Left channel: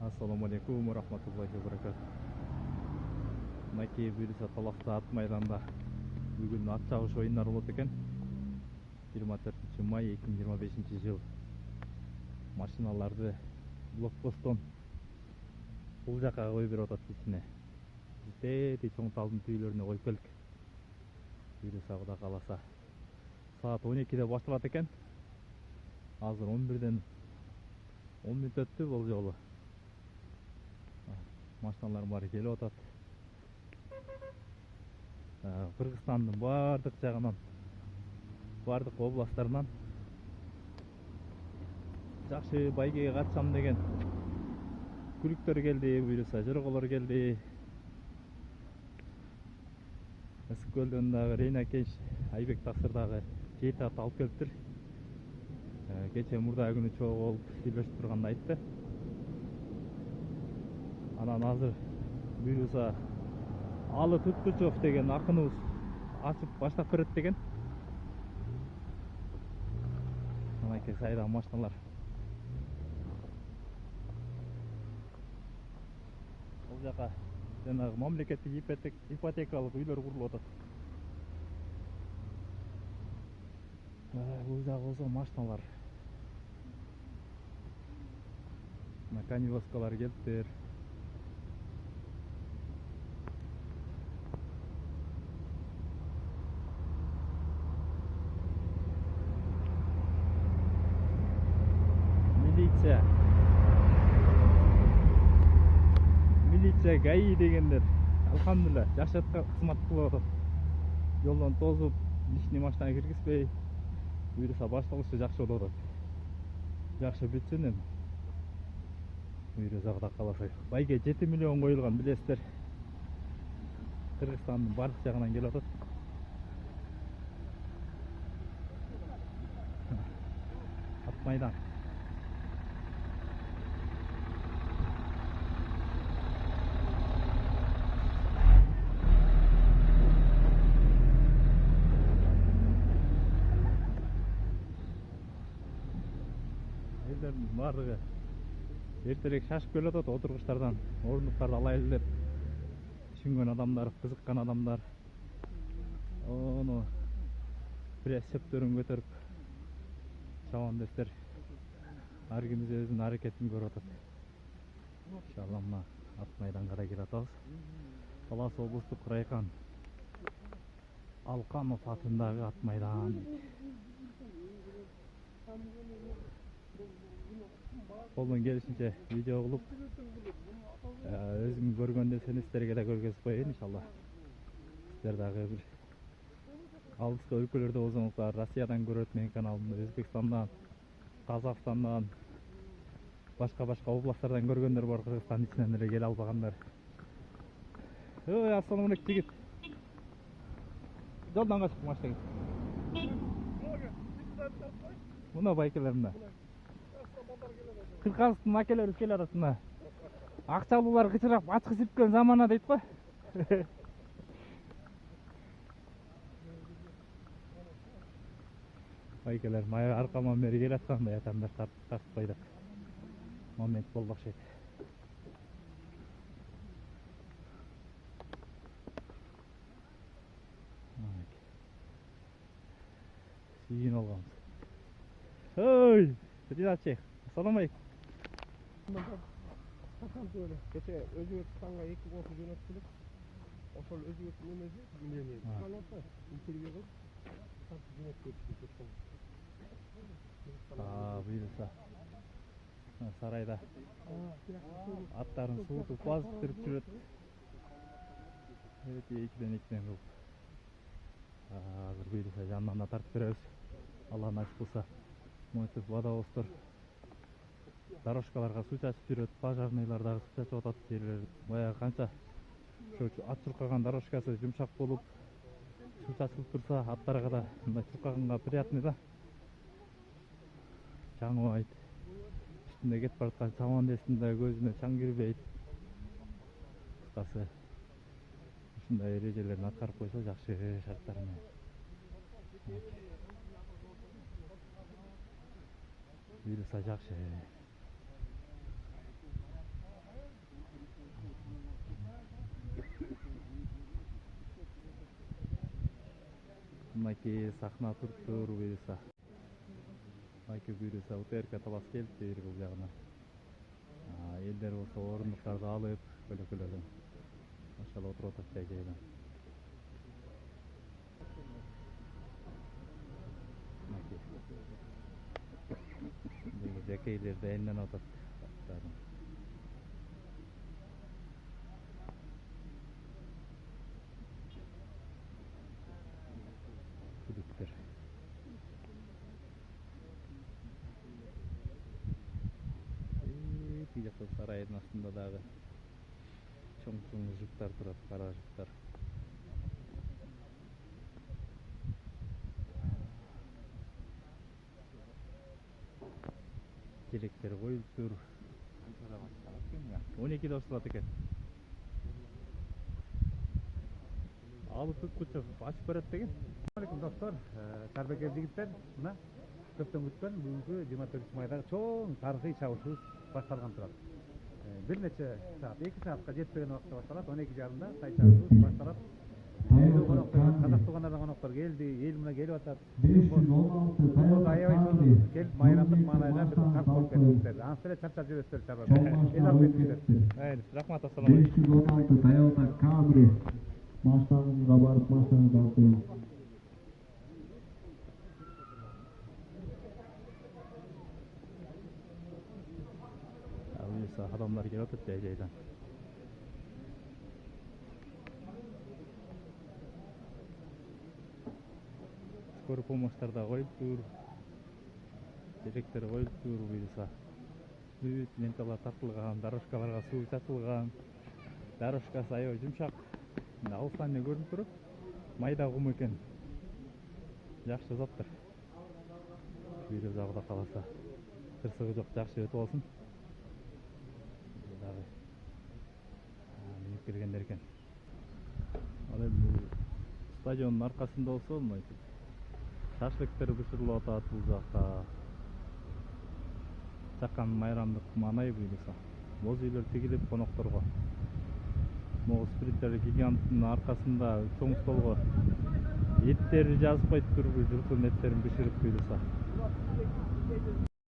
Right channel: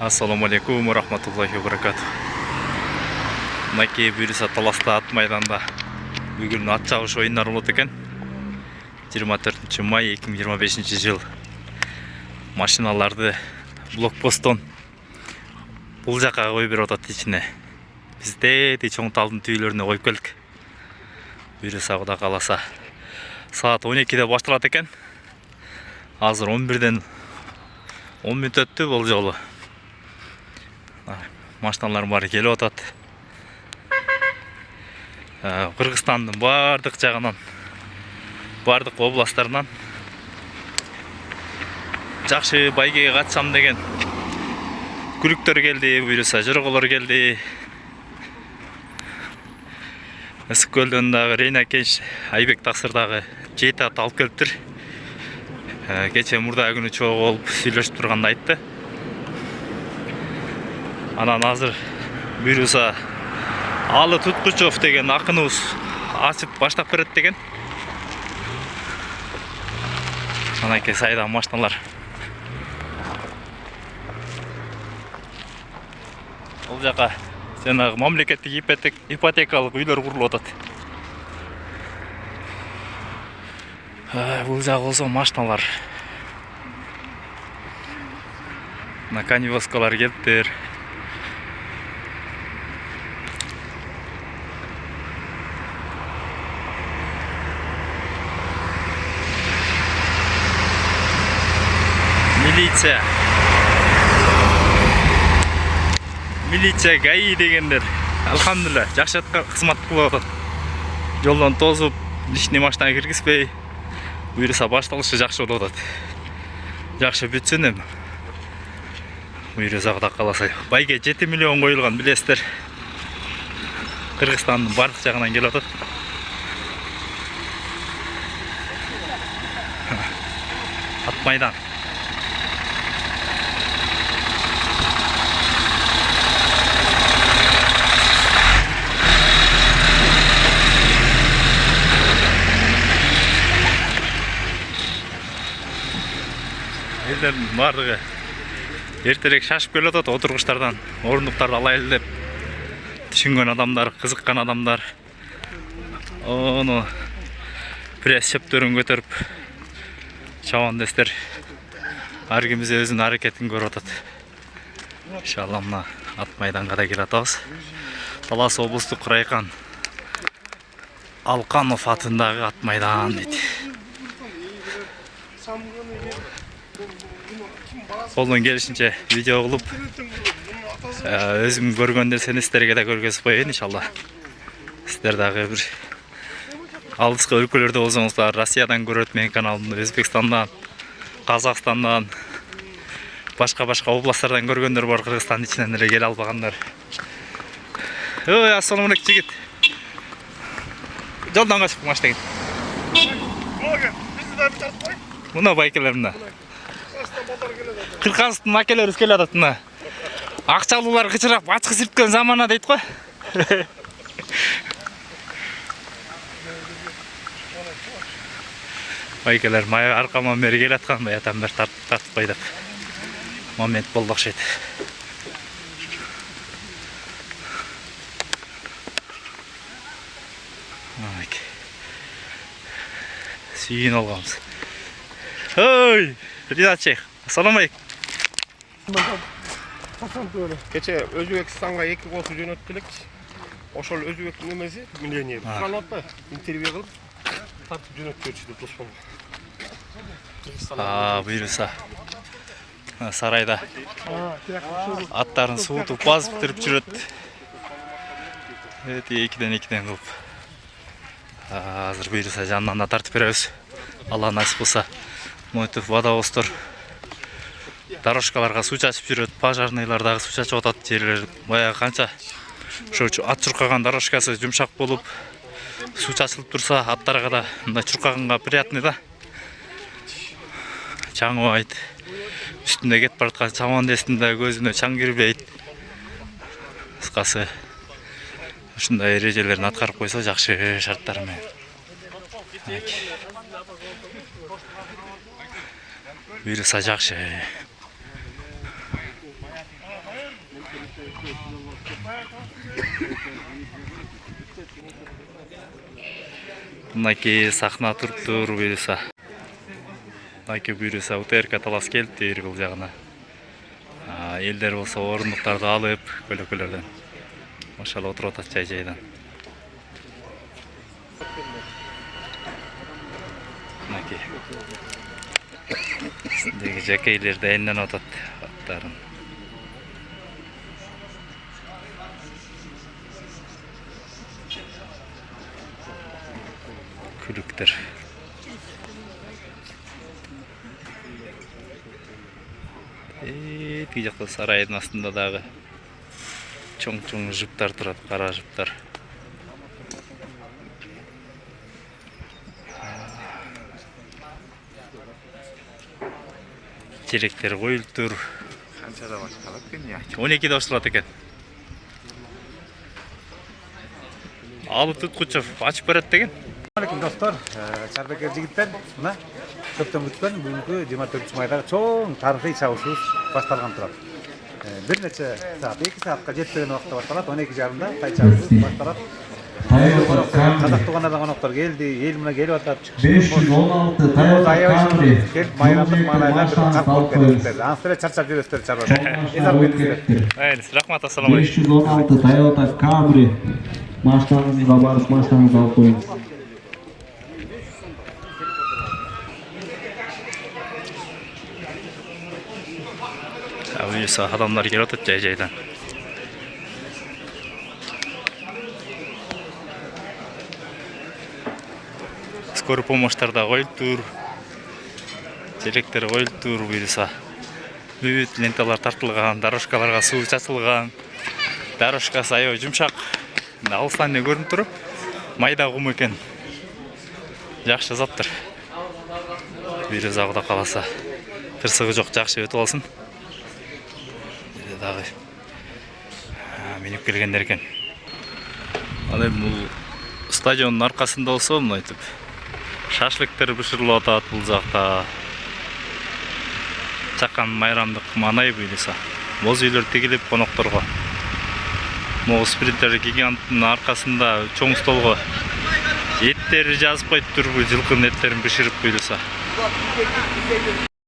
Ассаламу алейкум ва рахматуллахи ва баракату. Мынакей буюрса таласта ат майданда бүгүн ат чабыш оюндар болот экен. 24 май 2025 жыл. Машиналарды блокпосттон бул жака коюп берип атат ичине. Бизде чоң талдын түбөлөрүнө коюп келдик. Буюрса Кудай кааласа саат 12-де башталат экен. Азыр 11-ден 10 мүнөт өттү бул жолу. Машиналар бары келип атат. Кыргызстандын бардык жагынан, бардык областтарынан жакшы байгеге катышам деген күлүктөр келди, буюрса жорголор келди. Ысык көлдөн дагы Рейна Кенч, Айбек Таксыр дагы 7 ат алып келиптир. Кече мурда күнү чогуу болуп сүйлөшүп турганда айтты. Анан азыр буюрса Алы Туткучов деген акыныбыз ачып баштап берет деген. Анакей сайда машиналар. Бул жака жанагы мамлекеттик ипотекалык үйлөр курулуп атат. Бул жак болсо машиналар. Наканивоскалар келиптир. Милиция ГАИ дегендер алхамдулилла жакшы кызмат кылып атат. Жолдон тозуп, лишний машина киргизбей, буюрса башталышы жакшы болуп атат. Жакшы бүтсүн эми. Буюрса Кудай кааласа байге 7 миллион коюлган, билесиздер. Кыргызстандын бардык жагынан келип атат. Ат майдан. Элдердин бардыгы эртерээк шашып келип атат, отургучтардан орундуктарды алайлы деп түшүнгөн адамдар, кызыккан адамдар. Ону пресс чөптөрүн көтөрүп чабандестер ар кимиз өзүнүн аракетин көрүп атат. Иншалла мына ат майданга да келип атабыз. Талас облустук райкан Алканов атындагы ат майдан дейт. Колдон келишинче видео кылып, өзүм көргөн нерсени сиздерге да көргөзүп коеюн иншалла. Сиздер дагы бир алыскы өлкөлөрдө болсоңуздар, Россиядан көрөт менин каналымды, Өзбекстандан, Казакстандан, башка областтардан көргөндөр бар, Кыргызстандын ичинен эле келе албагандар. Ой, ассаламу алейкум жигит. Жолдон качып машина кет. Мына байкелер мына. Кыргызстандын акелери келип атат мына. Акчалуулар кычырап ачкы сирткен замана дейт го. Байкелер май аркаман бери келип аткан, баятан бери тартып кой деп. Момент болду окшойт. Сүйүн алганбыз. Ой, Ринат Шейх, ассаламу алейкум. Кече Өзбекстанга 2 косу жөнөтүп элекчи. Ошол Өзбектин эмеси милдениер. Канатта интервью кылып тартып жөнөтүп берчү деп тоспон. Буюрса сарайда аттарын суутуп базып битирип жүрөт. Экиден кылып. Азыр буюрса жанынан да тартып беребиз. Алла насип кылса. Мойтуп водовоздор дорожкаларга суу чачып жүрөт, пожарныйлар дагы суу чачып атат. Жерлер баягы канча ошо ат чуркаган дорожкасы жумшак болуп, суу чачылып турса, аттарга да мындай чуркаганга приятный да. Чаңыбайт. Үстүндө кетип бараткан чамандестин да көзүнө чаң кирбейт. Кыскасы ушундай эрежелерин аткарып койсо жакшы шарттар менен. Буюрса жакшы. Мынакей сахна туруптур буюрса. Мынакей буюрса УТРК талас келиптир бул жагына. Элдер болсо орундуктарды алып, көлөкөлөрдөн. Машалла отуруп атат жай-жайдан. Мынакей. Синдеги жакейлер дайынданып атат аттарын. Күлүктөр. Тиги жакта сарайдын астында дагы чоң-чоң жыптар турат, кара жыптар. Желектер коюлуптур. Канчада башталат экен я? 12'de башталат экен. Алып туткучу ачып берет деген. Алейкум достор, Чарбекер жигиттер, мына көптөн күткөн бүгүнкү 24 майдагы чоң тарыхый чабышыбыз башталган турат. Бир нече саат, 2 саатка жетпеген убакта башталат, 12:30-да тай чабышыбыз башталат. Казак туугандардан коноктор келди, эл мына келип атат. 516 Тайота Келип майрамдык маанайда бир карт болуп кетиптер. Ансыра чарчап жүрөсүздөр чарбада. Эзар кетиптер. Рахмат, ассаламу алейкум. 516 Toyota Camry машинаңызға барып машинаңызды алып қойыңыз. Буюрса адамдар келип атат жай-жайдан. Скорый помощьтар да коюлуптур. Желектер коюлуптур буюрса. Бүт ленталар тартылган, дорожкаларга суу чачылган. Дорожкасы аябай жумшак. Алыстан эле көрүнүп туруп, майда кум экен. Жакшы заттыр. Буюрса Кудай кааласа, тырсыгы жок, жакшы өтүп алсын. Дагы минип келгендер экен. Ал эми бул стадиондун аркасында болсо, мынтип шашлыктар бышырылып атат бул жакта. Чакан майрамдык маанай буюрса. Боз үйлөр тигилип конокторго. Могу спринтер гиганттын аркасында чоң столго эттери жазып коюптур, жылкынын эттерин бышырып буюрса.